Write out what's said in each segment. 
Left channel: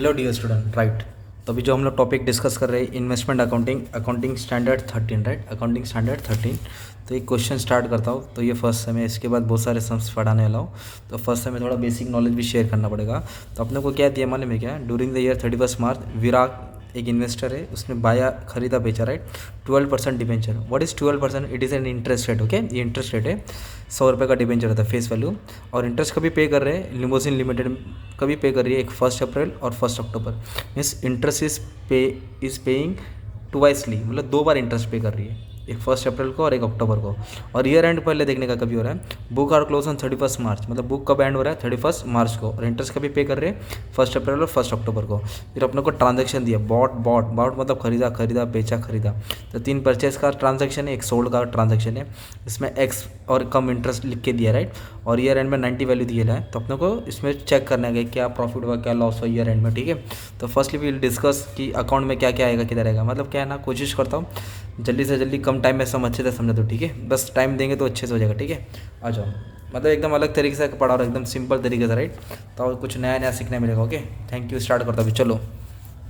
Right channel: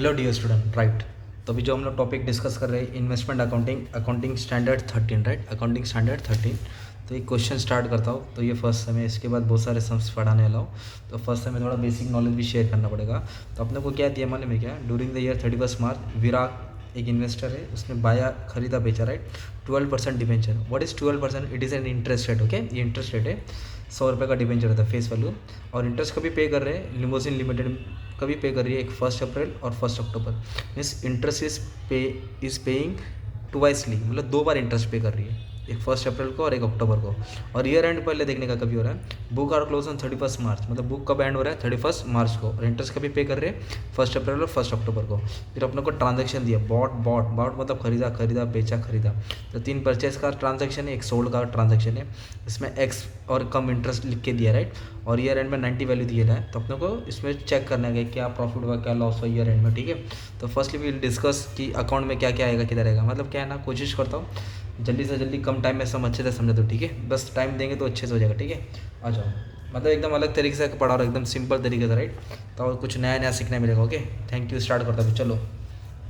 Hello dear student, right. तो अभी जो हम लोग टॉपिक डिस्कस कर रहे हैं investment accounting, accounting standard 13, right. Accounting standard 13। तो एक क्वेश्चन स्टार्ट करता हूँ। तो ये फर्स्ट सेम है, इसके बाद बहुत सारे सम्स पढ़ाने वाला हूँ। तो फर्स्ट सेम में थोड़ा बेसिक नॉलेज भी शेयर करना पड़ेगा। तो अपने को क्या दिया मालूम में, क्या ड्यूरिंग द ईयर 31 मार्च विराट एक इन्वेस्टर है, उसने बाया खरीदा बेचा, right. 12% debenture. What is 12%? It is an interest rate. Okay, ये इंटरेस्ट रेट है। 100 रुपये का डिबेंचर होता है फेस वैल्यू। और इंटरेस्ट कभी पे कर रहे हैं, लिमोजिन लिमिटेड कभी पे कर रही है, एक 1 अप्रैल और 1 अक्टूबर। मीन्स इंटरेस्ट इज पेइंग ट्वाइसली, मतलब 2 बार इंटरेस्ट पे कर रही है, एक 1 अप्रैल को और 1 अक्टूबर को। और ईयर एंड पहले देखने का कभी हो रहा है, बुक आर क्लोज ऑन 31 मार्च, मतलब बुक कब एंड हो रहा है 31 मार्च को, और इंटरेस्ट कभी पे कर रहे हैं 1 अप्रैल और 1 अक्टूबर को। फिर अपने को ट्रांजेक्शन दिया, बॉट मतलब खरीदा बेचा खरीदा। तो 3 परचेस का ट्रांजेक्शन है, एक सोल्ड का ट्रांजेक्शन है। इसमें एक्स और कम इंटरेस्ट लिख के दिया, राइट। और ईयर एंड में 90 वैल्यू दिया है। तो अपने को इसमें चेक करना है कि क्या प्रॉफिट हुआ क्या लॉस हुआ ईयर एंड में, ठीक है। तो फर्स्टली विल डिस्कस कि अकाउंट में क्या क्या आएगा किधर आएगा। मतलब क्या है ना, कोशिश करता हूँ जल्दी से जल्दी कम टाइम में सब अच्छे से समझा दो, ठीक है। बस टाइम देंगे तो अच्छे से हो जाएगा, ठीक है। आ जाओ, मतलब एकदम अलग तरीके से पढ़ा रहा हूँ, एकदम सिंपल तरीके से, राइट। तो कुछ नया नया सीखने मिलेगा। Okay, thank you. स्टार्ट करता हूँ, चलो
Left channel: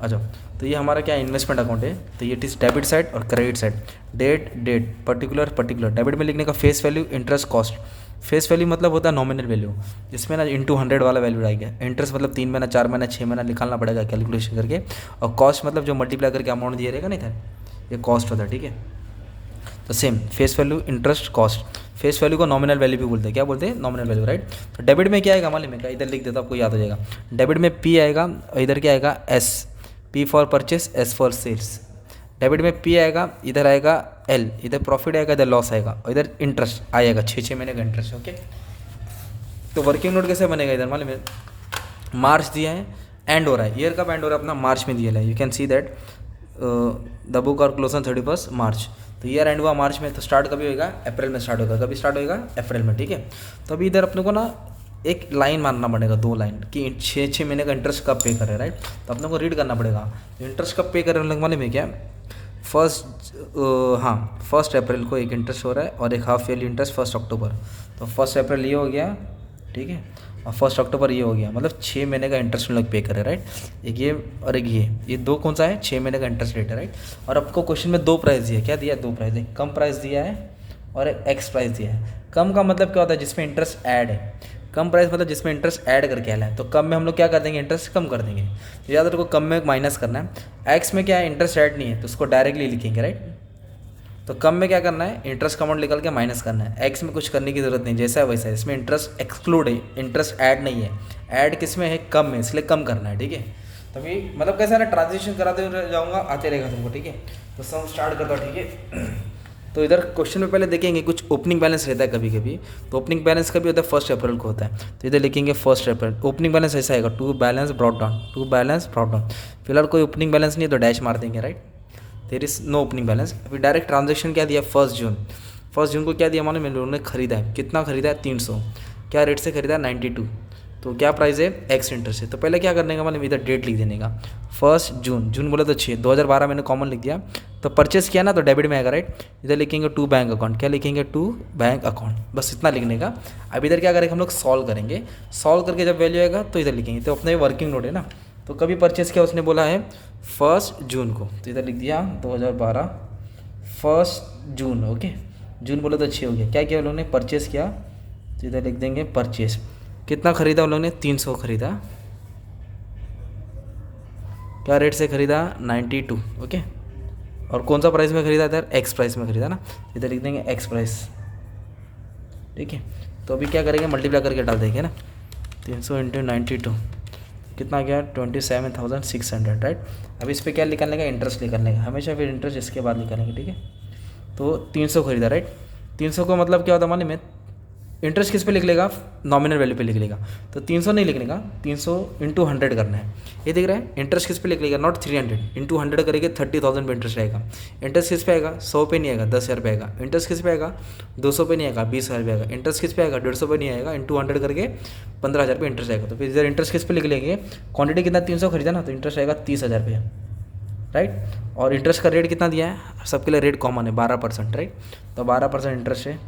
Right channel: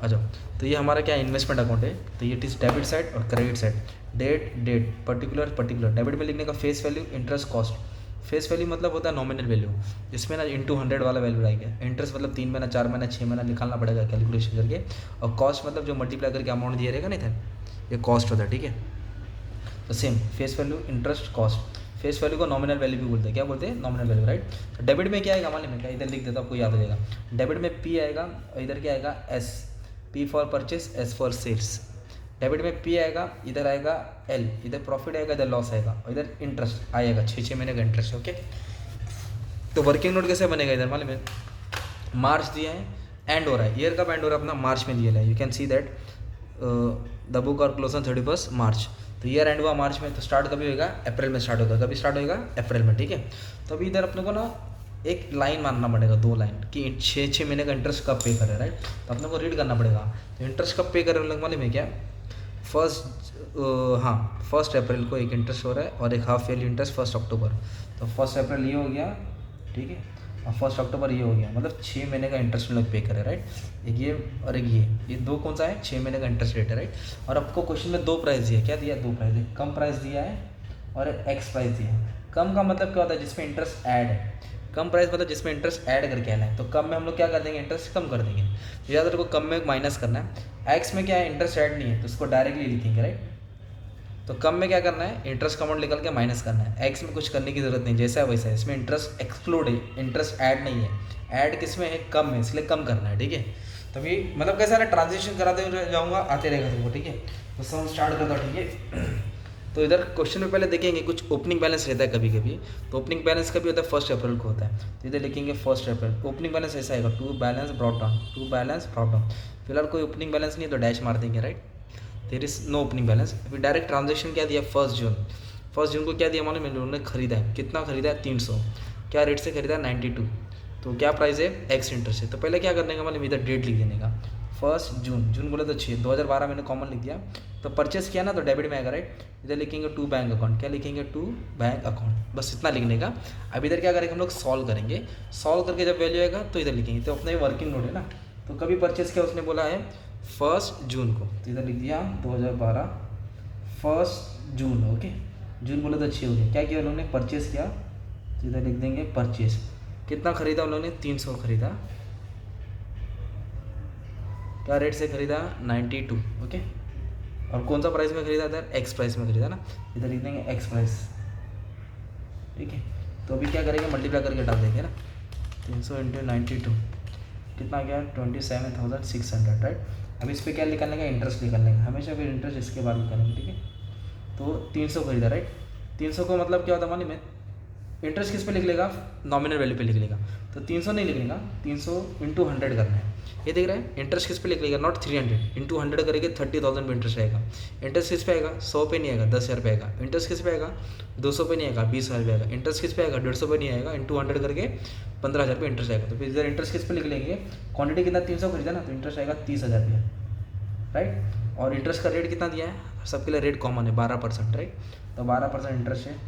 आ जाओ। तो ये हमारा क्या इन्वेस्टमेंट अकाउंट है। तो ये इज डेबिट साइड और credit side. Date particular debit में लिखने का face value, interest, cost. Face value मतलब होता है नॉमिनल वैल्यू, जिसमें ना इंटू 100 वाला वैल्यू आएगा। इंटरेस्ट मतलब 3 महीना 4 महीना 6 महीना निकालना पड़ेगा कैलकुलेशन करके। और कॉस्ट मतलब जो मल्टीप्लाई करके अमाउंट दिया रहेगा नहीं था, ये कॉस्ट होता है, ठीक है। तो same face value, interest, cost. Face value को नॉमिनल वैल्यू भी बोलते हैं, क्या बोलते हैं, नॉमिनल वैल्यू, राइट। तो डेबिट में क्या आएगा मालूम है क्या, इधर लिख देता आपको याद हो जाएगा। डेबिट में पी आएगा और इधर क्या आएगा S. P for purchase, S for sales. Debit में पी आएगा, इधर आएगा एल, इधर प्रॉफिट आएगा, इधर लॉस आएगा, और इधर इंटरेस्ट आएगा 6 महीने का इंटरेस्ट। ओके, तो वर्किंग नोट कैसे बनेगा, इधर मालूम है मार्च दिया है, एंड हो रहा है, ईयर कब एंड हो रहा है अपना, मार्च में दिया है। You can see that the book और क्लोज ऑन 31 मार्च। तो ईयर एंड हुआ मार्च में, तो स्टार्ट कभी होगा, अप्रैल में स्टार्ट होगा। कभी स्टार्ट होगा, अप्रैल में, ठीक है। तो अभी इधर अपने को ना एक लाइन मानना पड़ेगा, 2 लाइन कि 6 महीने का इंटरेस्ट कब पे करे, राइट। तो अपने को रीड करना पड़ेगा इंटरेस्ट कब पे करे माने में क्या, हाँ 1 अप्रैल को एक इंटरेस्ट हो रहा है और एक हाफ ईयरली इंटरेस्ट 1 अक्टूबर। तो 1 अप्रैल ये हो गया, ठीक है, और 1 अक्टूबर ये हो गया, मतलब 6 महीने का इंटरेस्ट लोग पे करे, राइट। एक ये और एक ये 2 कौन सा है, 6 महीने का इंटरेस्ट रेट है, राइट। और आपको क्वेश्चन में 2 प्राइस दिया है, क्या दिया है, 2 प्राइस, एक कम प्राइस दिया है और एक एक्स प्राइस दिया है। कम का मतलब क्या होता है, जिसमें इंटरेस्ट ऐड है। कम प्राइस मतलब जिसमें इंटरेस्ट ऐड करके आना है। तो कम में हम लोग क्या कर देंगे, इंटरेस्ट कम कर देंगे। तो याद रखो कम में माइनस करना है। एक्स में क्या है, इंटरेस्ट ऐड नहीं है, तो उसको डायरेक्टली लिखेंगे, राइट। तो कम में क्या करना है, इंटरेस्ट का अमाउंट निकल के माइनस करना है। एक्स में कुछ करने की जरूरत नहीं, जैसा है वैसा है। इसमें इंटरेस्ट एक्सक्लूड है, इंटरेस्ट ऐड नहीं है। ऐड किस में है, कम में, इसलिए कम करना है, ठीक है। तभी मतलब कैसा ना, ट्रांजेक्शन कराते हुए जाऊँगा, आते रहेगा तुमको, ठीक है। तो सब स्टार्ट करता, ठीक है। तो इधर क्वेश्चन में पहले देखेंगे कुछ ओपनिंग बैलेंस रहता है कभी कभी। तो ओपनिंग बैलेंस कभी होता है 1 अप्रैल को होता है। तो इधर लिखेंगे 1 अप्रैल। ओपनिंग बैलेंस ऐसा आएगा, टू बैलेंस ब्रॉट डाउन। फिलहाल कोई ओपनिंग बैलेंस नहीं है तो डैश मार देंगे, right. There is no opening balance. अभी डायरेक्ट ट्रांजेक्शन क्या दिया, 1 जून। 1 जून को क्या दिया मालूम है, उन्होंने खरीदा है, कितना खरीदा है, 300। क्या रेट से खरीदा है, 92। तो क्या प्राइस है, एक्स इंटरेस्ट है। तो पहले क्या करने का मालूम, इधर डेट लिख देने का, 1 जून। जून बोला तो 6, 2012 मैंने कॉमन लिख दिया। तो परचेस किया ना, तो डेबिट में आएगा, राइट। इधर लिखेंगे टू बैंक अकाउंट, क्या लिखेंगे, टू बैंक अकाउंट, बस इतना लिखने का। अब इधर क्या करेंगे हम लोग, सॉल्व करेंगे। सॉल्व करके जब वैल्यू आएगा तो इधर लिखेंगे। तो अपना ये वर्किंग नोट है ना। तो कभी परचेस किया, उसने बोला है 1 जून को, तो इधर लिख दिया 2012 1 जून। ओके, जून बोला तो 6 हो गया। क्या किया उन्होंने, परचेस किया, तो इधर लिख देंगे परचेस। कितना खरीदा उन्होंने, 300 खरीदा। क्या रेट से खरीदा, 92। ओके, और कौन सा प्राइस में खरीदा, इधर एक्स प्राइस में खरीदा ना, इधर लिख देंगे एक्स प्राइस, ठीक है। तो अभी क्या करेंगे, मल्टीप्लाई करके डाल देंगे ना, 300 इंटू 92 कितना गया, 27,600, राइट। अब इस पर क्या निकालने का, इंटरेस्ट निकालने का, हमेशा फिर इंटरेस्ट इसके बाद निकालेंगे, ठीक है। तो 300 खरीदा, राइट। 300 को मतलब क्या होता है मालूम है, इंटरेस्ट किस पे लिख लेगा, नॉमिनल वैल्यू पे लिख लेगा। तो 300 नहीं लिखने का, 300 इंटू 100 करना है। ये दिख रहा है, इंटरेस्ट किस पे लिख लेगा, नॉट 300, इंटू 100 करेंगे 30,000 पे इंटरेस्ट आएगा। इंटरेस्ट किस पे आएगा, 100 पे नहीं आएगा, 10,000 पे आएगा। इंटरेस्ट किस पे आएगा, 200 पे नहीं आएगा, 20,000 पे आएगा। इंटरेस्ट किस पे आएगा, 150 पे नहीं आएगा, इंटू 100 करके 15,000 पे इंटरेस्ट आएगा। तो फिर इधर इंटरेस्ट किस पे लिख लेंगे, क्वांटिटी कितना, 300 खरीदा ना, तो इंटरेस्ट आएगा 30,000 पे, राइट। और इंटरेस्ट का रेट कितना दिया है, सबके लिए रेट कॉमन है, 12%, राइट। तो 12% इंटरेस्ट है।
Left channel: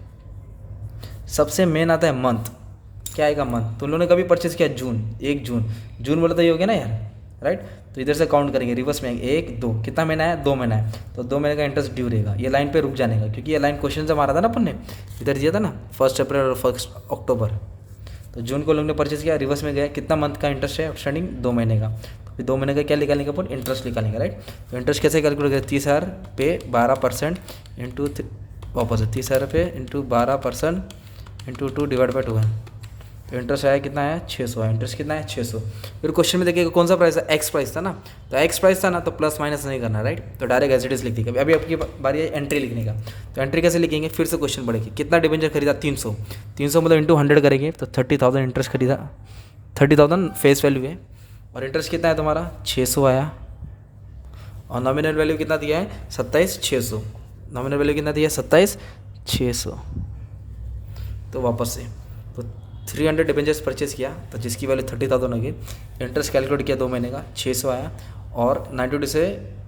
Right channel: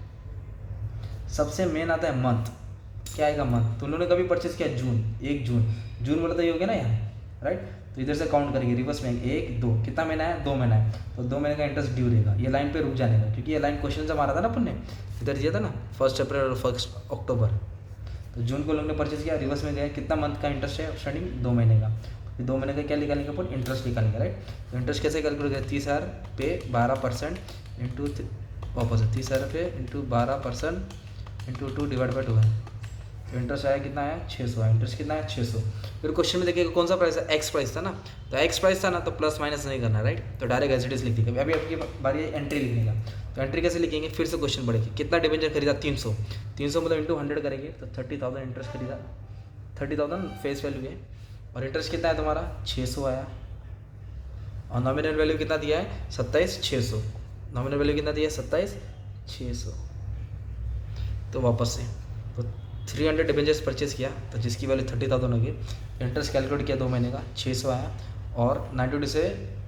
सबसे मेन आता है मंथ, क्या आएगा मंथ। तो उन्होंने कभी परचेस किया, जून, 1 जून। जून बोला तो ये हो गया ना यार, राइट। तो इधर से काउंट करेंगे, रिवर्स में आएंगे, 1 2, कितना महीना है, 2 महीना है, तो 2 महीने का इंटरेस्ट ड्यू रहेगा। ये लाइन पे रुक जाने का, क्योंकि ये लाइन क्वेश्चन से मारा था ना अपन ने, इधर दिया था ना 1 अप्रैल और 1 अक्टूबर। तो जून को लोग ने परचेज किया, रिवर्स में गया, कितना मंथ का इंटरेस्ट है आउटस्टैंडिंग, 2 महीने का। तो फिर 2 महीने का क्या निकालेंगे अपन, इंटरेस्ट निकालेंगे, राइट। तो इंटरेस्ट कैसे कैलकुलेट करें, 30,000 पे 12% इंटू वापस 30,000 पे इंटू 12% इंटू 2 डिवाइड बाई 12। तो इंटरेस्ट आया कितना आया, 600 आया। इंटरेस्ट कितना है, 600। फिर क्वेश्चन में देखिएगा कौन सा प्राइस है, एक्स प्राइस था ना, तो एक्स प्राइस था ना, तो प्लस माइनस नहीं करना, राइट। तो डायरेक्ट एज इट इज लिख देंगे। अभी आपकी बारी है एंट्री लिखने का, तो एंट्री कैसे लिखेंगे, फिर से क्वेश्चन पढ़ेंगे, कितना डिबेंचर खरीदा, 300। 300 मतलब इंटू 100 करेंगे, तो 30,000 इंटरेस्ट खरीदा, 30,000 फेस वैल्यू है, और इंटरेस्ट कितना है तुम्हारा, 600 आया। और नॉमिनल वैल्यू कितना दिया है, 27,600। नॉमिनल वैल्यू कितना दिया है, 27,600। तो वापस से तो 300 डिबेंचर्स परचेज किया, तो जिसकी वैल्यू 30,000 होगी। इंटरेस्ट कैलकुलेट किया 2 महीने का, 600 आया, और 92 से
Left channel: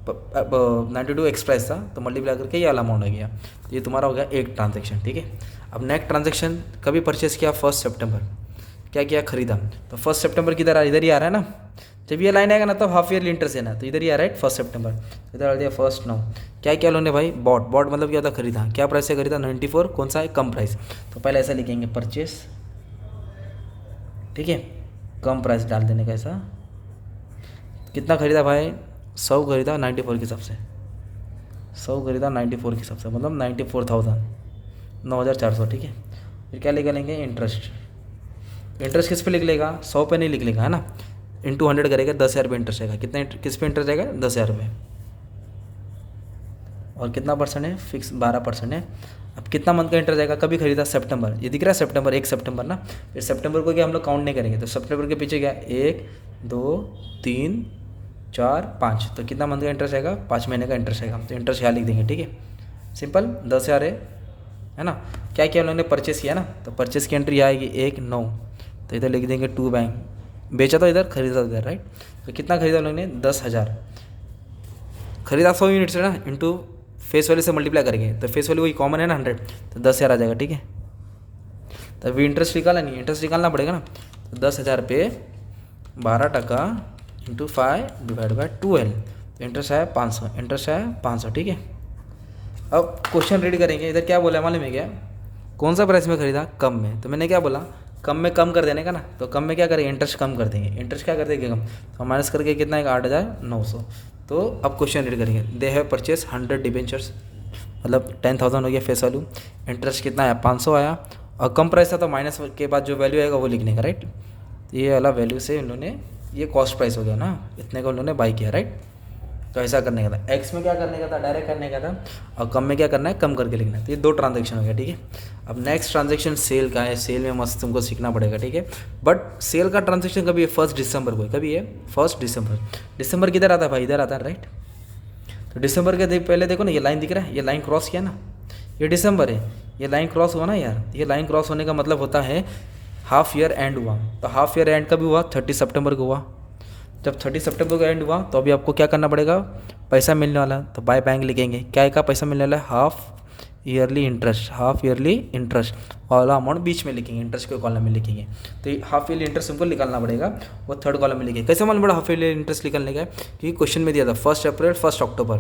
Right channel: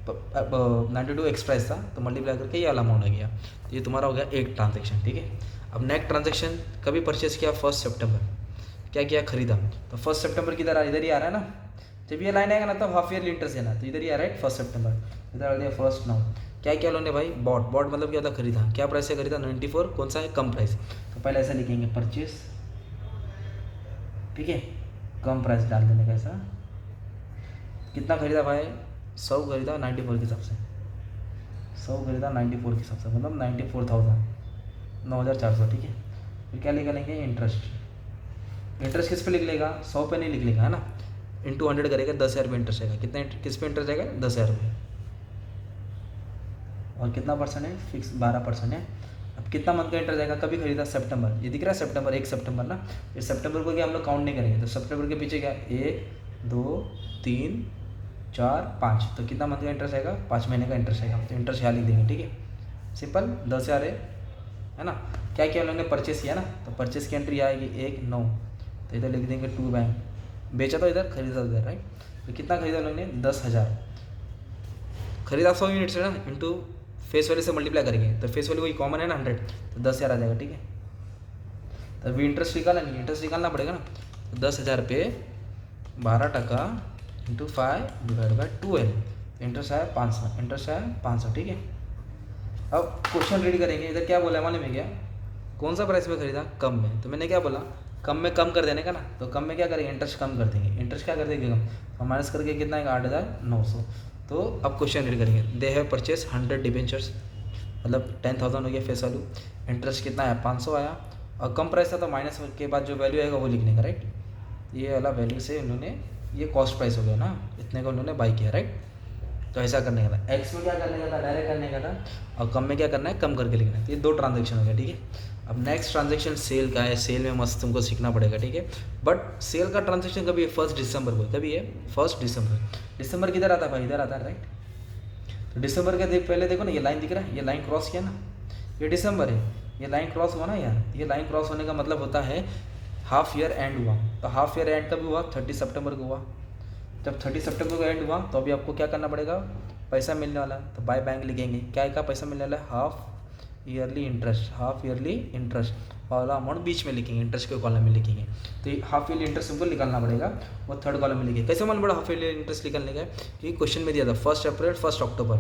92 एक्स प्राइस था, तो मल्टीप्लाई करके ये वाला अमाउंट आ गया। तो ये तुम्हारा हो गया एक ट्रांजेक्शन, ठीक है। अब नेक्स्ट ट्रांजेक्शन कभी परचेज किया, 1 सितंबर, क्या किया, खरीदा। तो 1 सितंबर किधर इधर ही आ रहा है ना, जब ये लाइन आएगा ना तो हाफ ईयरली इंटरेस्ट है ना, तो इधर ही आ रहा है 1 सितंबर, इधर आ दिया 1 9। क्या क्या लोने भाई, बॉट मतलब क्या था, खरीदा। क्या प्राइस से खरीदा, 94, कौन सा है, कम प्राइस। तो पहले ऐसा लिखेंगे परचेस, ठीक है, कम प्राइस डाल देने का ऐसा। कितना खरीदा भाई, 100 खरीदा 94 के हिसाब से, 100 खरीदा 94 के हिसाब से, मतलब 94,000, 9,400, ठीक है। फिर क्या निकालेंगे, इंटरेस्ट। इंटरेस्ट किस पे लिख लेगा, 100 पे नहीं लिख लेगा, है ना, इंटू 100 करेगा, 10,000 रुपये इंटरेस्ट आएगा। कितना किस पे इंटरेस्ट आएगा, 10,000 रुपये, और कितना परसेंट है, फिक्स 12% है। अब कितना मंथ का इंटरेस्ट आएगा, कभी खरीदा, सितंबर, ये दिख रहा है सितंबर, 1 सितंबर ना। फिर सितंबर को क्या हम लोग काउंट नहीं करेंगे, तो सितंबर के पीछे क्या, 1 2 3 4 5, तो कितना मंथ का इंटरेस्ट आएगा, 5 महीने का इंटरेस्ट आएगा। तो इंटरेस्ट यहाँ लिख देंगे, ठीक है, सिंपल, 10,000 है ना। क्या क्या उन्होंने परचेस किया ना, तो परचेस की एंट्री आएगी 1 9, तो इधर लिख देंगे 2 बैंक, बेचा तो इधर, खरीदा इधर, राइट। तो कितना खरीदा उन्होंने, 10,000 खरीदा, 100 यूनिट से ना, इंटू फेस वैल्यू से मल्टीप्लाई करेंगे, तो फेस वैल्यू वही कॉमन है ना 100, तो 10,000 आ जाएगा, ठीक है। तो अभी इंटरेस्ट निकाला नहीं, इंटरेस्ट निकालना पड़ेगा ना, तो 10,000 पे 12% इंटू 5 डिवाइड बाई 12, तो इंटरेस्ट आया 500, इंटरेस्ट आया 500, ठीक है। अब क्वेश्चन रीड करेंगे, इधर क्या बोला है मालूम है क्या, कौन सा प्राइस में खरीदा, कम में, तो मैंने क्या बोला, कम में कम कर देने का ना, तो कम में क्या करेंगे, इंटरेस्ट कम कर देंगे। इंटरेस्ट क्या कर देंगे, कम, तो माइनस करके कितना आएगा, 8,900। तो अब क्वेश्चन रीड करेंगे, दे हैव परचेस 100 डिबेंचर्स, मतलब 10,000 हो गया फेस वैल्यू, इंटरेस्ट कितना आया, 500 आया, और कम प्राइस था तो माइनस के बाद जो वैल्यू आएगा वो लिखने का, राइट। ये वाला वैल्यू से इन्होंने, ये कॉस्ट प्राइस हो गया ना, इतने को उन्होंने बाई किया, राइट। तो ऐसा करने का था, एक्स में क्या करने का था, डायरेक्ट करने का था, और कम में क्या करना है, कम करके लिखना है। तो ये 2 ट्रांजेक्शन हो गया, ठीक है। अब नेक्स्ट ट्रांजेक्शन सेल का है, सेल में मस्त तुमको सीखना पड़ेगा, ठीक है। बट सेल का ट्रांजेक्शन कभी है, 1 दिसंबर को, कभी है 1 दिसंबर। दिसंबर किधर आता है भाई, इधर आता है, राइट। तो दिसंबर के पहले देखो ना, ये लाइन दिख रहा है, ये लाइन क्रॉस किया ना, ये दिसंबर है, ये लाइन क्रॉस हुआ ना यार। ये लाइन क्रॉस होने का मतलब होता है हाफ ईयर एंड हुआ। तो हाफ ईयर एंड कभी हुआ, 30 सितंबर को हुआ। जब 30 सितंबर को एंड हुआ तो अभी आपको क्या करना पड़ेगा, पैसा मिलने वाला, तो बाय बैंक लिखेंगे, क्या का पैसा मिलने वाला है, half yearly interest, half yearly interest वाला अमाउंट बीच में लिखेंगे, इंटरेस्ट के कॉलम में लिखेंगे। तो ये हाफ ईयरली इंटरेस्ट हमको निकालना पड़ेगा, वो 3rd कॉलम में लिखेंगे। कैसे मालूम पड़ा हाफ ईयरली इंटरेस्ट निकालने का, क्योंकि क्वेश्चन में दिया था 1 अप्रैल 1 अक्टूबर,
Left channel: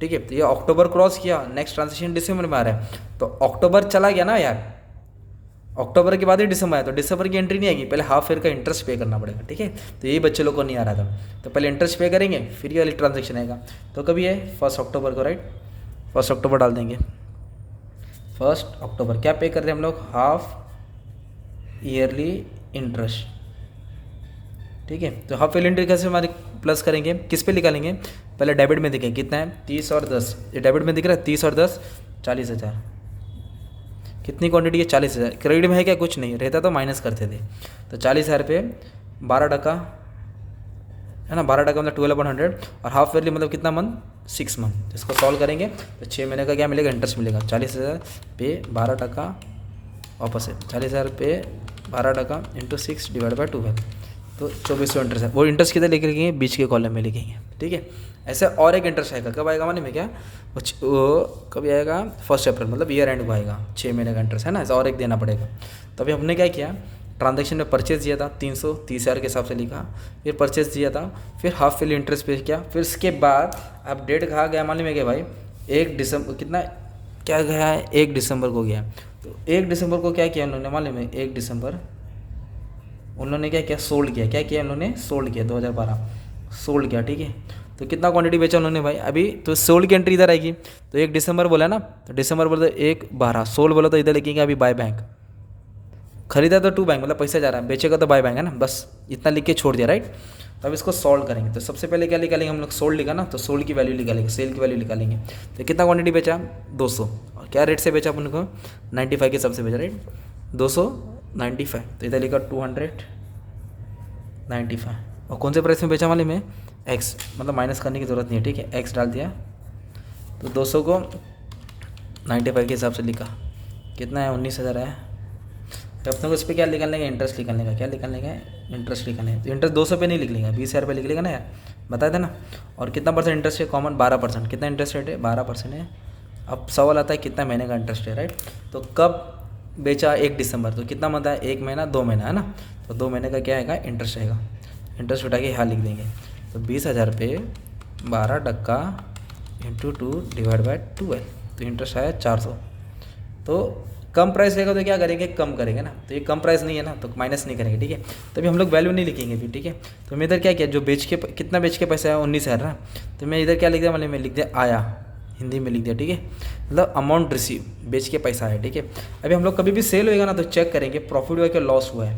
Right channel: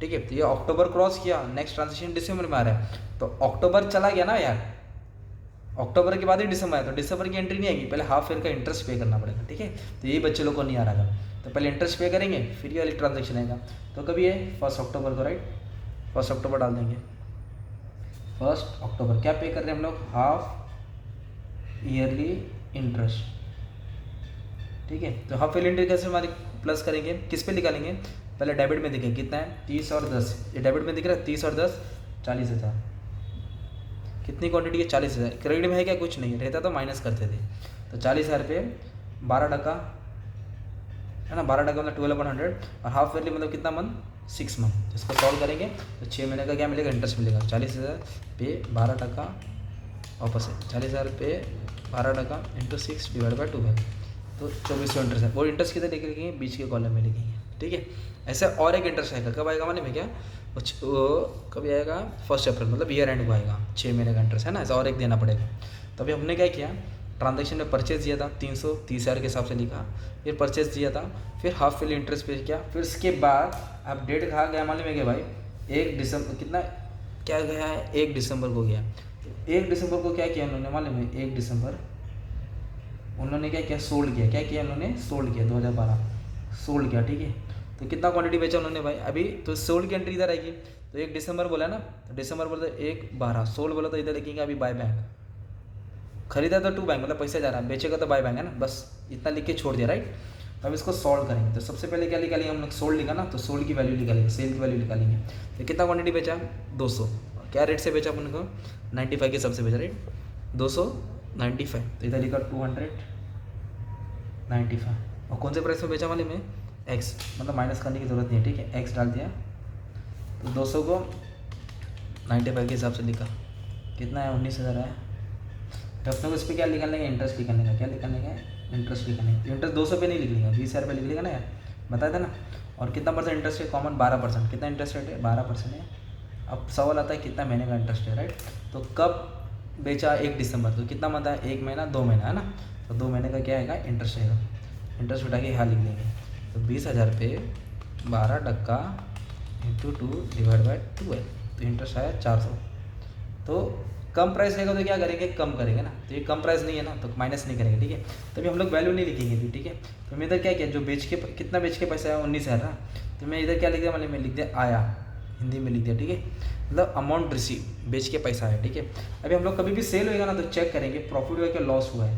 ठीक है। तो ये अक्टूबर क्रॉस किया, नेक्स्ट ट्रांजेक्शन दिसंबर में आ रहा है, तो अक्टूबर चला गया ना यार, अक्टूबर के बाद ही दिसंबर आया, तो दिसंबर की एंट्री नहीं आएगी, पहले हाफ ईयर का इंटरेस्ट पे करना पड़ेगा, ठीक है। तो यही बच्चे लोग को नहीं आ रहा था, तो पहले इंटरेस्ट पे करेंगे, फिर ये वाली ट्रांजेक्शन आएगा। तो कभी है 1 अक्टूबर को, राइट, 1 अक्टूबर डाल देंगे। 1 अक्टूबर क्या पे कर रहे हैं हम लोग, हाफ ईयरली इंटरेस्ट, ठीक है। तो हाफ ईयरली इंटरेस्ट कैसे हमारे प्लस करेंगे, किस पे निकालेंगे, पहले डेबिट में देखें कितना है, 30 और 10, ये डेबिट में दिख रहा है, 30 और 10 40,000, कितनी क्वांटिटी है, 40,000। क्रेडिट में है क्या, कुछ नहीं रहता तो माइनस करते थे। तो 40,000 पे 12% है ना, 12% मतलब 12/100, और हाफ ईयरली मतलब कितना मंथ, 6 मंथ। इसको सॉल्व करेंगे तो 6 महीने का क्या मिलेगा, इंटरेस्ट मिलेगा। 40,000 पे 12% वापस है, 40,000 पे 12% इंटू 6 डिवाइड बाई 12, तो 2400 इंटरेस्ट है। वो इंटरेस्ट किधर लिखेंगे, बीच के कॉलम में लिखेंगे, ठीक है। ऐसे और एक इंटरेस्ट आएगा, कब आएगा मालूम है क्या, वो कभी आएगा 1 अप्रैल, मतलब ईयर एंड को आएगा, 6 महीने का इंटरेस्ट है ना, ऐसा और एक देना पड़ेगा। तो अभी हमने क्या किया, ट्रांजैक्शन में परचेज दिया था 330,000 के हिसाब से लिखा, फिर परचेज दिया था, फिर हाफ ईयरली इंटरेस्ट पे किया, फिर इसके बाद अब डेट कहाँ गया मालूम है क्या भाई, 1 दिसंबर कितना क्या गया है, 1 दिसंबर को गया। तो 1 दिसंबर को क्या किया उन्होंने मालूम है, 1 दिसंबर उन्होंने क्या किया, सोल्ड किया। क्या किया उन्होंने, सोल्ड किया, 2012 सोल्ड किया, ठीक है। तो कितना क्वांटिटी बेचा उन्होंने भाई, अभी तो सोल्ड की एंट्री इधर आएगी। तो 1 दिसंबर बोला ना, तो दिसंबर बोला तो 1/12, सोल्ड बोला तो इधर लिखेंगे अभी बाय बैंक, खरीदा तो टू बैंक मतलब पैसा जा रहा है, बेचेगा तो बाय बैंक है ना, बस इतना लिख के छोड़ दिया, राइट। तो अब इसको सॉल्व करेंगे। तो सबसे पहले क्या निकालेंगे हम लोग, सोल्ड लिखा ना, तो सोल्ड की वैल्यू निकालेंगे, सेल की वैल्यू निकालेंगे। तो कितना क्वांटिटी बेचा, 200, और क्या रेट से बेचा अपन को, 95 के सबसे बेचा, राइट, 295। तो इधर लिखा 295, और कौन से प्राइस में बेचा मालूम है, एक्स, मतलब माइनस करने की ज़रूरत नहीं है, ठीक है, एक्स डाल दिया। तो 200 को 95 के हिसाब से लिखा, कितना है, 19,000 है। तो अपने को इस पर क्या निकालने का, इंटरेस्ट निकालने का, क्या निकालने का, इंटरेस्ट निकालने का। तो इंटरेस्ट 200 पे नहीं लिख लेगा, 20,000 पे लिख लेगा ना यार, बता देना। और कितना परसेंट इंटरेस्ट है, कॉमन 12%, कितना इंटरेस्ट रेट है, 12% है। अब सवाल आता है कितना महीने का इंटरेस्ट है, राइट। तो कब बेचा, 1 दिसंबर, तो कितना मत है, 1 महीना 2 महीना है ना, तो 2 महीने का क्या आएगा, इंटरेस्ट आएगा। इंटरेस्ट उठा के यहाँ लिख देंगे। तो 20,000 पे 12% इंटू 2 डिवाइड बाई 12, तो इंटरेस्ट आया 400। तो कम प्राइस रहेगा तो क्या करेंगे, कम करेंगे ना, तो ये कम प्राइस नहीं है ना, तो माइनस नहीं करेंगे, ठीक है। तभी हम लोग वैल्यू नहीं लिखेंगे अभी, ठीक है। तो मैं इधर क्या किया, जो बेच के कितना बेच के पैसा है, 19,000 ना, तो मैं इधर क्या लिख दिया, मतलब मैं लिख दिया आया, हिंदी में लिख दिया, ठीक है, मतलब अमाउंट रिसीव, बेच के पैसा है, ठीक है। अभी हम लोग कभी भी सेल होएगा ना, तो चेक करेंगे प्रॉफिट हुआ क्या, लॉस हुआ है,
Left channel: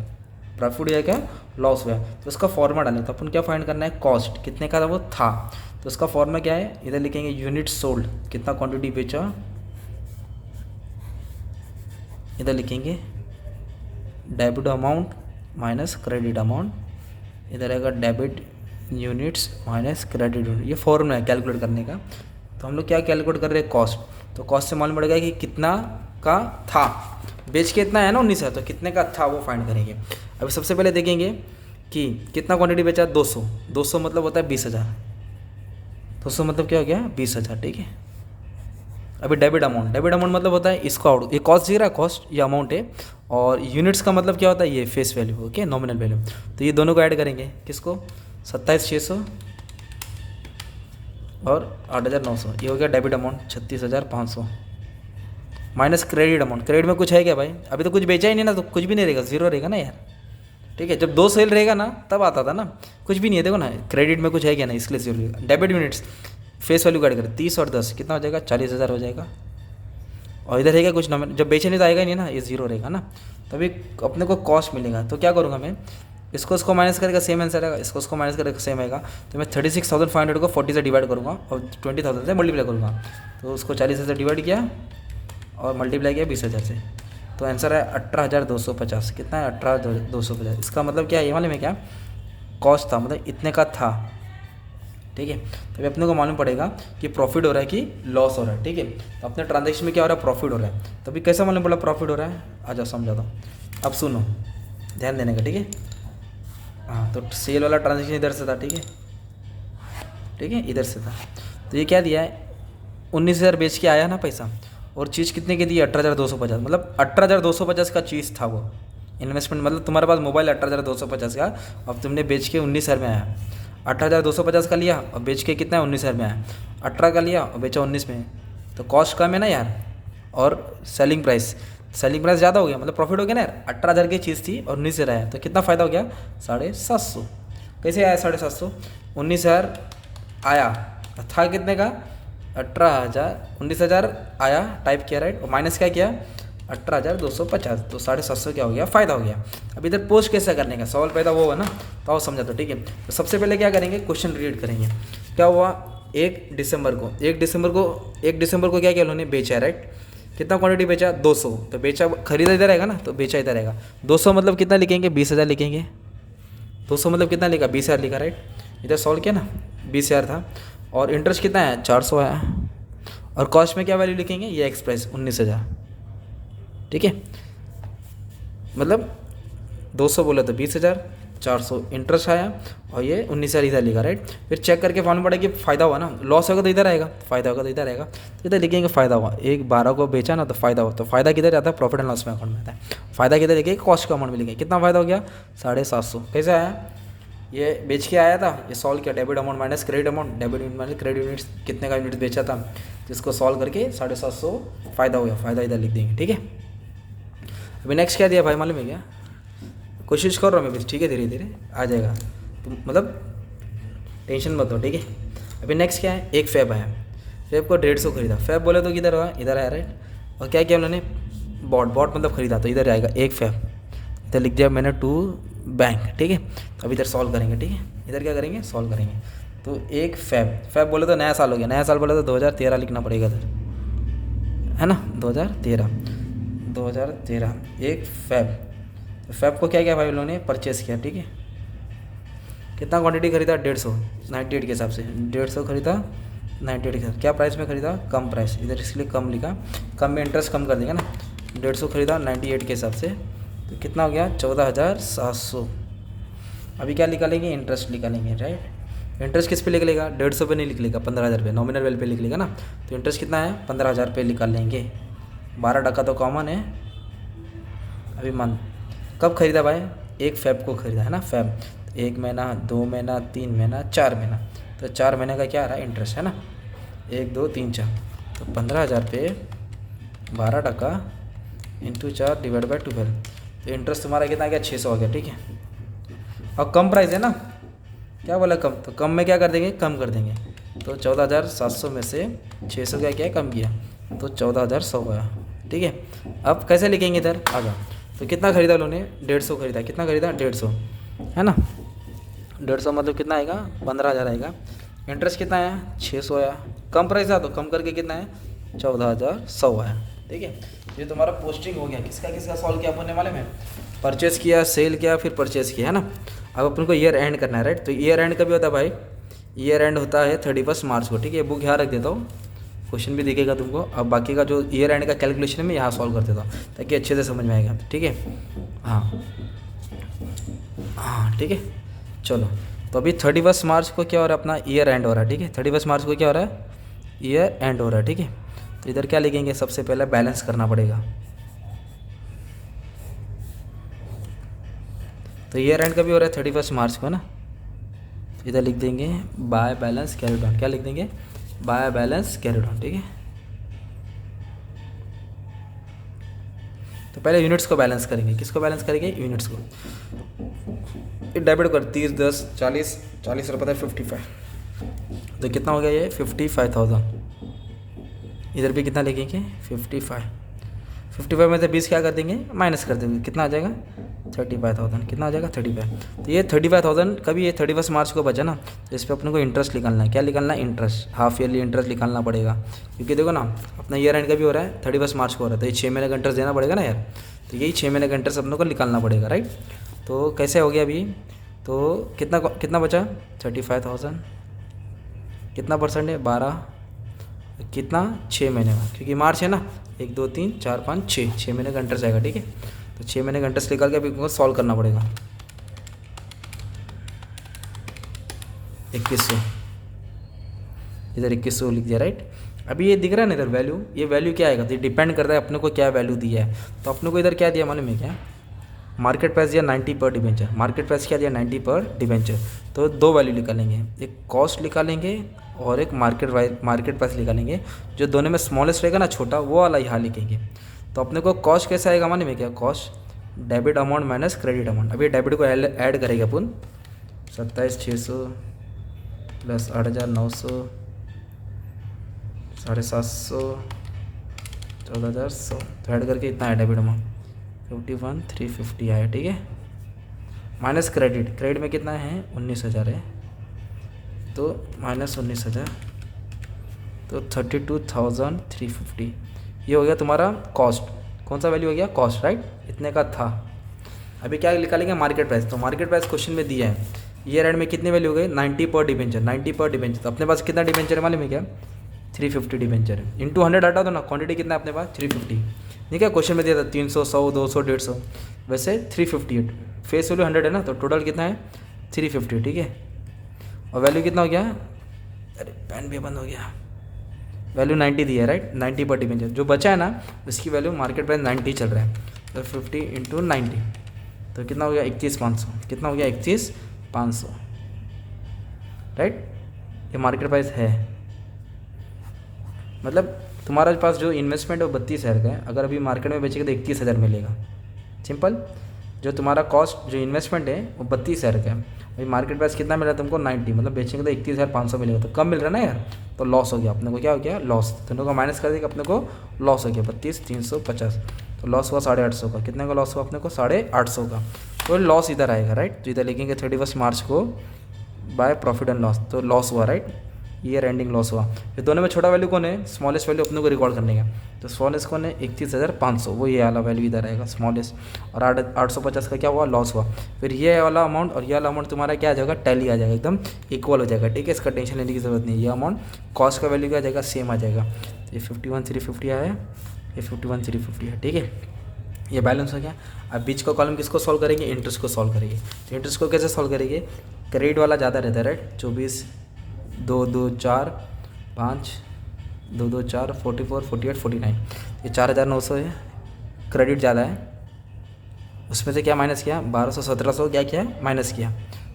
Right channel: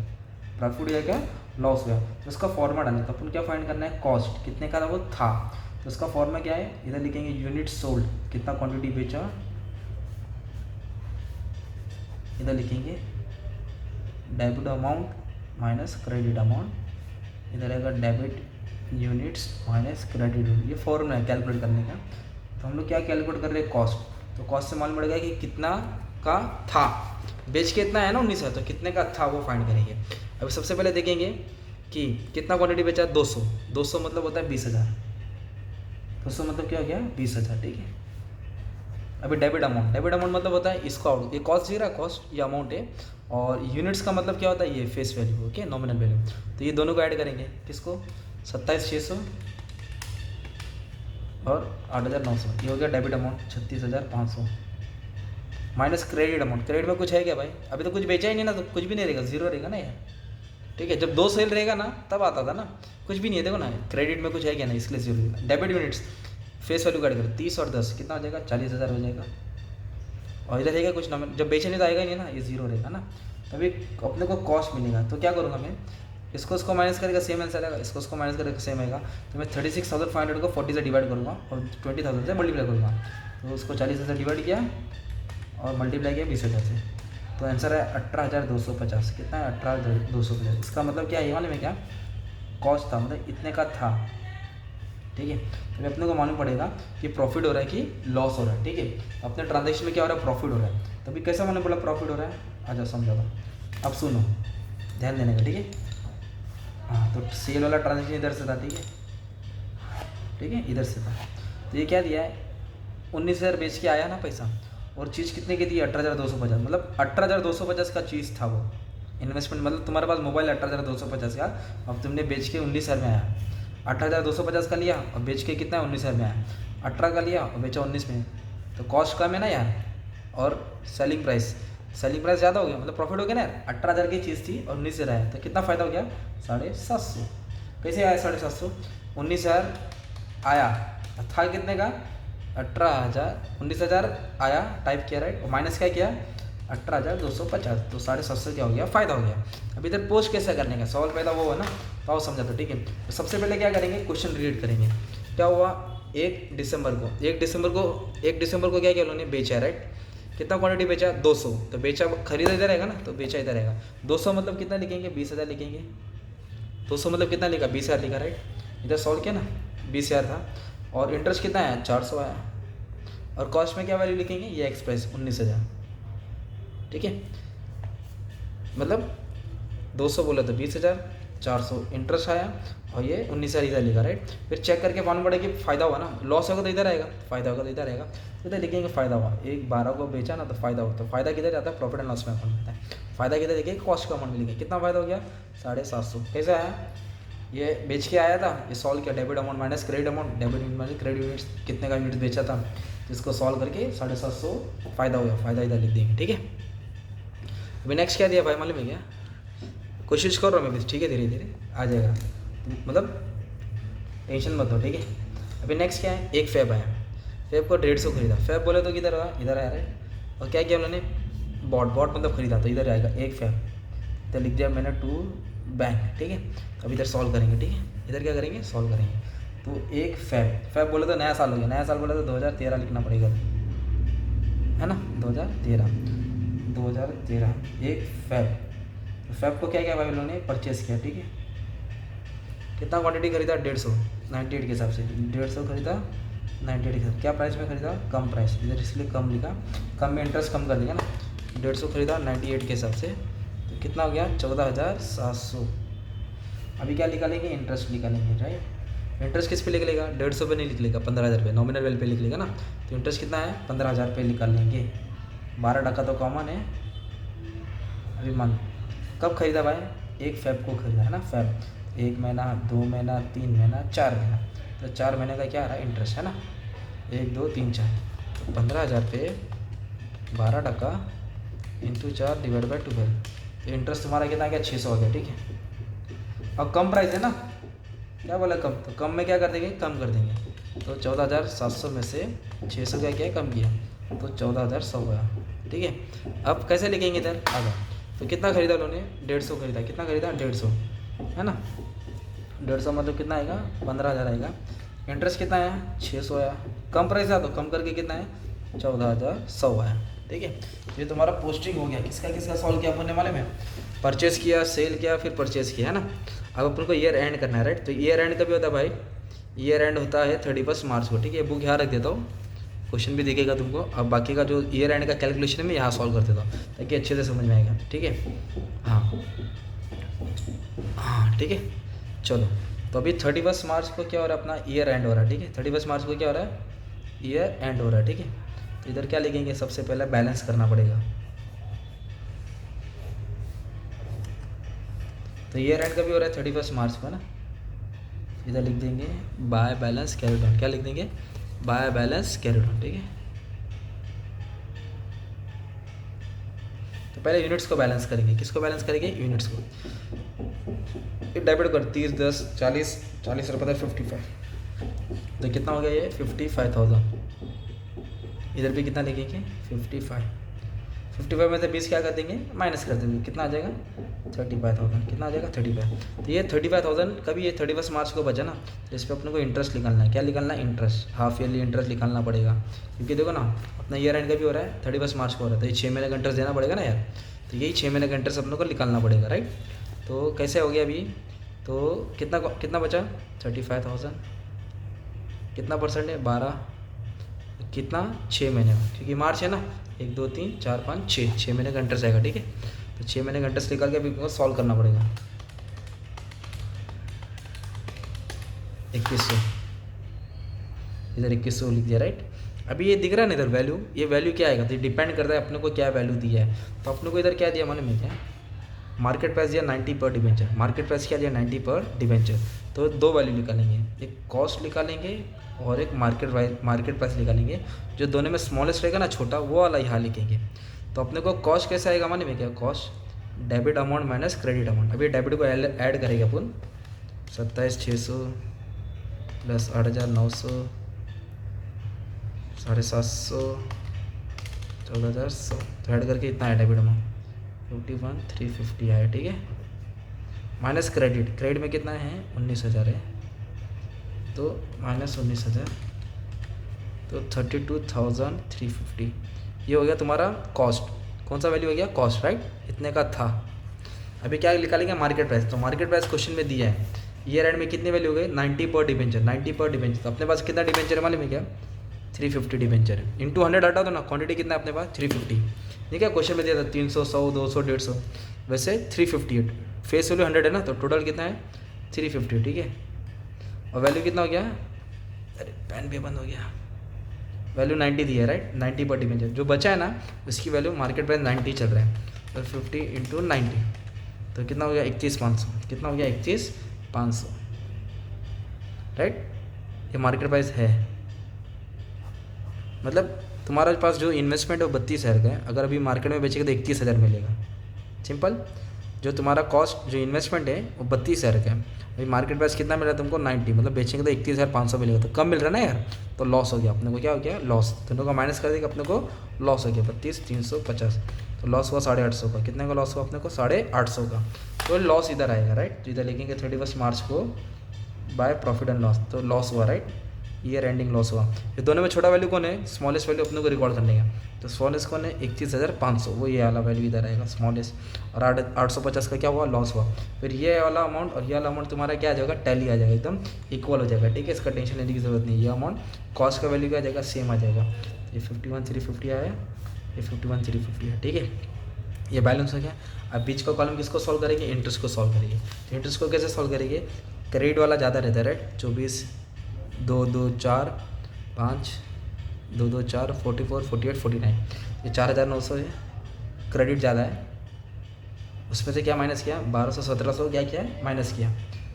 प्रॉफिट हुआ क्या, लॉस हुआ है। तो उसका फॉर्मा डालें, तो अपन क्या फाइंड करना है, कॉस्ट कितने का था वो था। तो उसका फॉर्मा क्या है, इधर लिखेंगे यूनिट सोल्ड, कितना क्वांटिटी बेचा, इधर लिखेंगे debit amount minus credit amount, इधर आएगा debit units minus credit unit, ये फॉर्मूला है कैलकुलेट करने का। तो हम लोग क्या कैलकुलेट कर रहे हैं, कॉस्ट। तो कॉस्ट से मालूम पड़ेगा कि कितना का था, बेच के इतना है ना 19,000, तो कितने का था वो फाइंड करेंगे। अभी सबसे पहले देखेंगे कि कितना क्वांटिटी बेचा, 200, 200 मतलब होता है 20,000, 200 मतलब क्या हो गया, 20,000, ठीक है। अभी डेबिट अमाउंट, डेबिट अमाउंट मतलब होता है इसको आउट, ये कॉस्ट दिख रहा है, कॉस्ट ये अमाउंट है, और यूनिट्स का मतलब क्या होता है, ये face value, okay, nominal value. तो ये दोनों को ऐड करेंगे, किसको, 27,600 और 8,900, ये हो गया debit amount 36,500 minus credit amount. Credit में कुछ है क्या भाई, अभी तो कुछ बेचा ही नहीं ना, तो कुछ भी नहीं रहेगा, जीरो रहेगा ना यार, ठीक है। जब 2 सेल रहेगा ना तब आता था ना, कुछ भी नहीं है, देखो ना क्रेडिट में कुछ है क्या ना, इसलिए जीरो रहेगा। डेबिट यूनिट्स फेस वैल्यू काट कर 30 और 10 कितना हो जाएगा, 40,000 हो जाएगा। और इधर रहेगा कुछ नंबर, जब बेचने तो आएगा ही नहीं ना, ये जीरो रहेगा ना, तभी अपने को कॉस्ट मिलेगा। तो क्या करूँगा मैं, इसको माइनस करेगा सेम आंसर आएगा, इसको माइनस करेगा सेम आएगा। तो मैं 36,500 को 40 से डिवाइड करूँगा और 20,000 से मल्टीप्लाई करूँगा। तो उसको 40 से डिवाइड किया और मल्टीप्लाई किया 20,000 से, तो आंसर है 18,250। कितना है, 18,250। इसका मतलब क्या है, ये वाले में क्या कॉस्ट था, मतलब इतने का था, ठीक है। तभी अपने को मालूम पड़ेगा कि प्रॉफिट हो रहा है कि लॉस हो रहा है, ठीक है। तो अपने ट्रांजैक्शन में क्या हो रहा है, प्रॉफिट हो रहा है। तभी कैसा मालूम पड़ा प्रॉफिट हो रहा है, आ जाओ समझा दो। अब सुनो, ध्यान देने का, ठीक है। हाँ, तो सेल वाला ट्रांजैक्शन इधर से था, ठीक है, ठीक है, इधर से था। तो ये क्या दिया है, 19,000 बेच के आया ना पैसा, और चीज़ कितने की दी, 18,250, मतलब 18,250 का चीज़ था वो इन्वेस्टमेंट। मतलब तुम्हारे पास मोबाइल 18,250 का, अब तुमने बेच के 19,000 में आया, 18,250 का लिया और बेच के कितना है, 19,000 में आया। 18 का लिया और बेचा 19 में, तो कॉस्ट कम है ना यार, और सेलिंग प्राइस ज़्यादा हो गया, मतलब प्रॉफिट हो गया ना यार। 18,000 की चीज़ थी और 19,000 आया, तो कितना फ़ायदा हो गया, 750। कैसे आया 750, 19,000 आया, था कितने का, 18,000, 19,000 आया, टाइप किया, राइट, और माइनस क्या किया, 18,250, तो 750 क्या हो गया, फ़ायदा हो गया। अब इधर पोस्ट कैसे करने का सवाल पैदा वो है ना, तो आओ समझा। तो ठीक है, तो सबसे पहले क्या करेंगे, क्वेश्चन रीड करेंगे। क्या हुआ, 1 दिसंबर को क्या किया उन्होंने, बेचा, राइट। कितना क्वांटिटी बेचा, 200, तो बेचा, खरीदा इधर रहेगा ना, तो बेचा इधर रहेगा। 200 मतलब कितना लिखेंगे, 20,000 लिखेंगे। 200 मतलब कितना लिखा, 20,000 लिखा, राइट। इधर सॉल्व किया ना, 20,000 था, और इंटरेस्ट कितना है, 400 आया, और कॉस्ट में क्या वैल्यू लिखेंगे, ये एक्स प्राइस 19,000, ठीक है। मतलब 200 बोला तो 20,000 400 इंटरेस्ट आया और ये 19,000 इधर लिखा, राइट। फिर चेक करके मालूम पड़ा कि फ़ायदा हुआ ना, लॉस होगा तो इधर आएगा, फ़ायदा होगा तो इधर आएगा, तो इधर लिखेंगे फ़ायदा हुआ। एक 12 को बेचा ना तो फ़ायदा हो, तो फ़ायदा किधर जाता है, प्रॉफिट एंड लॉस में अकाउंट में आता है। फ़ायदा किधर लिखेंगे, कॉस्ट का अमाउंट में लिखेंगे। कितना फ़ायदा हो गया, 750। कैसे आया, ये बेच के आया था, ये सॉल्व किया, debit amount minus credit amount, debit unit minus credit units, कितने का यूनिट बेचा था, तो इसको सॉल्व करके 750 फ़ायदा हो गया, फ़ायदा इधर लिख देंगे, ठीक है। अभी नेक्स्ट क्या दिया भाई मालूम है क्या, कोशिश कर रहा हूँ मैं भी, ठीक है, धीरे धीरे आ जाएगा, तो मतलब टेंशन मत लो, ठीक है। अभी नेक्स्ट क्या है, एक फैब आया, फैब को 150 खरीदा, फैब बोले तो किधर हुआ, इधर आया, राइट। और क्या किया उन्होंने, बॉट मतलब खरीदा, तो इधर आएगा एक फैब, इधर लिख दिया मैंने टू बैंक, ठीक है। अब इधर सॉल्व करेंगे, ठीक है, इधर क्या करेंगे, सॉल्व करेंगे। तो एक फैब बोले तो नया साल हो गया, नया साल बोले तो 2013 लिखना पड़ेगा इधर, है ना, 2013 एक फैब को क्या किया भाई उन्होंने, परचेस किया, ठीक है। कितना क्वांटिटी खरीदा, 150, 98 के हिसाब से 150 खरीदा, 98 के हिसाब, क्या प्राइस में खरीदा, कम प्राइस, इधर इसलिए कम लिखा, कम में इंटरेस्ट कम कर देंगे ना, 150 खरीदा 98 के हिसाब से, तो कितना हो गया, 14,700। अभी क्या निकालेंगे, इंटरेस्ट निकालेंगे, राइट। इंटरेस्ट किस पे लिख लेगा, 150 पे नहीं लिख लेगा, 15,000 पे, नॉमिनल वैल्यू पे लिख लेगा ना, तो इंटरेस्ट कितना है, 15,000 पे निकाल लेंगे। 12% तो कॉमन है। अभी मंथ कब खरीदा भाई, एक फैब को खरीदा, है ना, फैब 1 महीना, 2 महीना, 3 महीना, 4 महीना, तो 4 महीने का क्या आ रहा है, इंटरेस्ट, है ना, 1 2 3 4, तो 15,000 पे 12% इंटू 4 डिवाइड बाई 12, तो इंटरेस्ट तुम्हारा कितना आ गया, 600 हो गया, ठीक है। और कम प्राइस है ना, क्या बोला कम, तो कम में क्या कर देंगे, कम कर देंगे, तो 14,700 में से 600 का क्या कम किया, तो 14,100 हुआ, ठीक है। अब कैसे लिखेंगे इधर आगे, तो कितना खरीदा उन्होंने, 150 खरीदा, कितना खरीदा, 150, है ना, 150 मतलब कितना आएगा, 15,000 आएगा। इंटरेस्ट कितना आया, 600 आया, कम प्राइस है तो कम करके कितना है, 14,100 आया, ठीक है। ये तुम्हारा पोस्टिंग हो गया, किसका सॉल्व किया अपन ने मालूम है, परचेस किया, सेल किया, फिर परचेस किया, है ना। अब अपन को ईयर एंड करना है, राइट। तो ईयर एंड कभी होता है भाई, ईयर एंड होता है 31 मार्च को, ठीक है। बुक यहाँ रख देता हूँ, क्वेश्चन भी दिखेगा तुमको। अब बाकी का जो ईयर एंड का कैलकुलेशन है मैं यहाँ सॉल्व कर देता हूँ ताकि अच्छे से समझ में आएगा, ठीक है। हाँ ठीक है, चलो। तो अभी 31 मार्च को क्या हो रहा है, अपना ईयर एंड हो रहा है, ठीक है। 31 मार्च को क्या हो रहा है, ईयर एंड हो रहा है, ठीक है। तो इधर क्या लिखेंगे, सबसे पहले बैलेंस करना पड़ेगा। तो ईयर एंड कभी हो रहा है, 31 मार्च को ना। इधर लिख देंगे बाय बैलेंस कैरिड ऑन, क्या लिख देंगे, बाय बैलेंस कैरिड ऑन, ठीक है। तो पहले यूनिट्स को बैलेंस करेंगे, किसको बैलेंस करेंगे, यूनिट्स को। डेबिट कर 30 10 40 40 रुपये 55, तो कितना हो गया ये 55,000। इधर भी कितना लिखेंगे 55 में से 20 क्या कर देंगे, माइनस कर देंगे, कितना आ जाएगा 35,000, कितना आ जाएगा 35। तो ये 35,000 कभी ये 31 मार्च को बचा ना, तो इस पर अपने को इंटरेस्ट निकालना है। क्या निकालना है, इंटरेस्ट, हाफ ईयरली इंटरेस्ट निकालना पड़ेगा, क्योंकि देखो ना अपना ईयर एंड कभी हो रहा है 31 मार्च को हो रहा है, तो ये 6 महीने का इंटरेस्ट देना पड़ेगा ना यार। तो यही 6 महीने का इंटरेस्ट अपने को निकालना पड़ेगा, राइट। तो कैसे हो गया अभी, तो कितना बचा 35,000, कितना परसेंट है 12, कितना 6 महीने का, क्योंकि मार्च है ना, 1 2 3 4 5 6 महीने का इंटरेस्ट आएगा, ठीक है। तो 6 महीने का इंटरेस्ट निकाल के अभी को सॉल्व करना पड़ेगा। 2100, इधर 2100 लिख दिया, राइट। अभी ये दिख रहा है ना इधर वैल्यू, ये वैल्यू क्या आएगा, तो डिपेंड करता है अपने को क्या वैल्यू दिया है। तो अपने को इधर क्या दिया मालूम है क्या, मार्केट प्राइस दिया 90 पर डिवेंचर, मार्केट प्राइस क्या दिया 90 पर डिवेंचर। तो दो वैल्यू निकालेंगे, एक कॉस्ट निकालेंगे और एक मार्केट प्राइस निकालेंगे। जो दोनों में स्मॉलेस्ट रहेगा ना, छोटा, वो वाला यहाँ लिखेंगे। तो अपने को कॉस्ट कैसे आएगा मालूम है क्या, cost debit amount minus credit amount. अभी डेबिट को ऐड करेगा अपन, 27,600 प्लस 8,900 750 14,100, तो ऐड करके इतना है डेबिट अमाउंट 51,350 आया, ठीक है। माइनस क्रेडिट में कितना है 19,000 है, तो माइनस 19,000, तो 32,350। ये हो गया तुम्हारा कॉस्ट। कौन सा वैल्यू हो गया, कॉस्ट, राइट, इतने का था। अभी क्या निकालेंगे, मार्केट प्राइस। तो मार्केट प्राइस क्वेश्चन में दिया है, ईयर एंड में कितनी वैल्यू हो गई 90 पर डिवेंचर, 90 पर डिवेंचर। तो अपने पास कितना डिवेंचर है मालूम है क्या, 350 डिवेंचर है। इंटू 100 हटा दो ना, क्वांटिटी कितना है अपने पास 350, ठीक है, क्वेश्चन में दिया था 300, 100, 200, 150, वैसे 358, फेस वैल्यू 100 है ना, तो टोटल कितना है 350, ठीक है। और वैल्यू कितना हो गया, अरे पेन भी बंद हो गया, वैल्यू 90 दी है राइट, 90 पर डिवेंचर जो बचा है ना उसकी वैल्यू मार्केट प्राइस 90 चल रहा है, तो 50 इंटू 90 तो कितना हो गया 31,500, कितना हो गया 31,500 राइट। ये मार्केट प्राइस है, मतलब तुम्हारे पास जो इन्वेस्टमेंट है वो 32,000 का है, अगर अभी मार्केट में बेचेगा तो 31,000 मिलेगा, सिंपल। जो तुम्हारा कॉस्ट जो इन्वेस्टमेंट है वो 32,000 का है, अभी मार्केट प्राइस कितना मिल रहा है तुमको 90, मतलब बेचेंगे तो 31,500 मिलेगा, तो कम मिल रहा है ना यार, तो लॉस हो गया अपने को, क्या हो गया लॉस, दोनों का माइनस कर देगा अपने को लॉस हो गया 32,350, तो लॉस हुआ 850 का, कितने का लॉस हुआ अपने को 850 का, तो लॉस इधर आएगा राइट। तो इधर लिखेंगे 31 मार्च को बाय प्रॉफिट एंड लॉस, तो लॉस हुआ राइट, ईयर एंडिंग लॉस हुआ। ये दोनों में छोटा वैल्यू कौन है, स्मॉलेस्ट वैल्यू अपने को रिकॉर्ड करने का, तो स्मॉलेस्ट कौन है 31,500, वो ये वाला वैल्यू इधर आएगा स्मॉलेस्ट, और 850 का क्या हुआ लॉस हुआ। फिर ये वाला अमाउंट और ये वाला अमाउंट तुम्हारा क्या आ जाएगा टैली आ जाएगा, एकदम इक्वल हो जाएगा, ठीक है, इसका टेंशन लेने की जरूरत नहीं। ये अमाउंट कॉस्ट का वैल्यू क्या आ जाएगा सेम आ जाएगा, ये 51,350 आया, ये 51,350 है, ठीक है, ये बैलेंस हो गया। अब बीच का कॉलम किसको सॉल्व करेंगे, इंटरेस्ट को सॉल्व करेंगे। इंटरेस्ट को कैसे सॉल्व करेंगे, क्रेडिट वाला ज़्यादा रहता है राइट, 24, 2, 2, 4, 5, 2, 2, 4, 44, 48, 49, ये 4,900 है, क्रेडिट ज़्यादा है, उसमें से क्या माइनस किया 1200, 1700 क्या किया माइनस किया,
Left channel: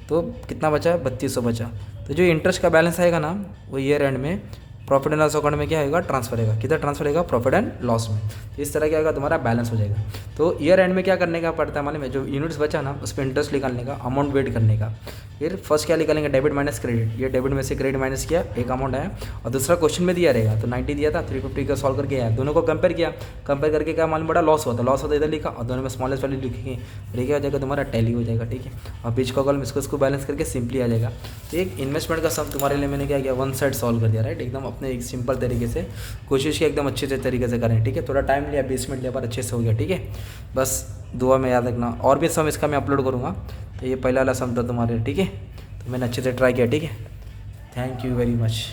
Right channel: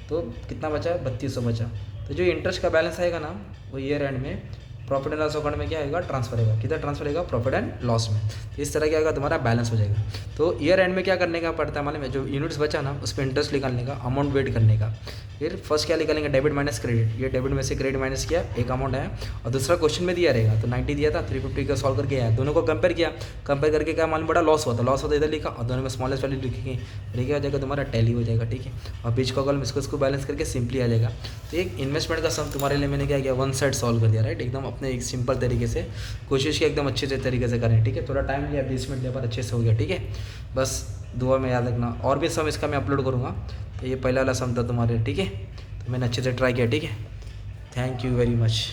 तो कितना बचा 3200 बचा। तो जो इंटरेस्ट का बैलेंस आएगा ना वो ईयर एंड में प्रॉफिट एंड लॉस अकाउंट में क्या आएगा ट्रांसफर होगा, किधर ट्रांसफर होगा प्रॉफिट एंड लॉस में, तो इस तरह क्या होगा तुम्हारा बैलेंस हो जाएगा। तो ईयर एंड में क्या करने का पड़ता है मालूम है, जो यूनिट्स बचा ना उस पर इंटरेस्ट निकालने का, अमाउंट वेट करने का। फिर फर्स्ट क्या निकालेंगे डेबिट माइनस क्रेडिट, ये डेबिट में से क्रेडिट माइनस किया एक अमाउंट आया, और दूसरा क्वेश्चन में दिया रहेगा तो 90 दिया था 350 का सॉल्व करके आया, दोनों को कंपेयर किया, कंपेयर करके क्या मालूम पड़ा लॉस हुआ, तो लॉस होता इधर लिखा और दोनों में स्मॉलेस्ट वैल्यू लिखेंगे, ठीक है, हो जाएगा तुम्हारा टैली हो जाएगा, ठीक है। और बीच का कॉलम इसको बैलेंस करके सिंपली आ जाएगा। तो एक इन्वेस्टमेंट का सम तुम्हारे लिए मैंने क्या किया वन साइड सॉल्व कर दिया राइट, एकदम अपने एक सिंपल तरीके से, कोशिश की एकदम अच्छे तरीके से करें, ठीक है। थोड़ा टाइम लिया 20 मिनट लिया पर अच्छे से हो गया, ठीक है। बस दुआ में याद रखना, और भी सम इसका मैं अपलोड करूँगा, ये पहला वाला सम था तुम्हारे, ठीक है, तो मैंने अच्छे से ट्राई किया, ठीक है। Thank you very much.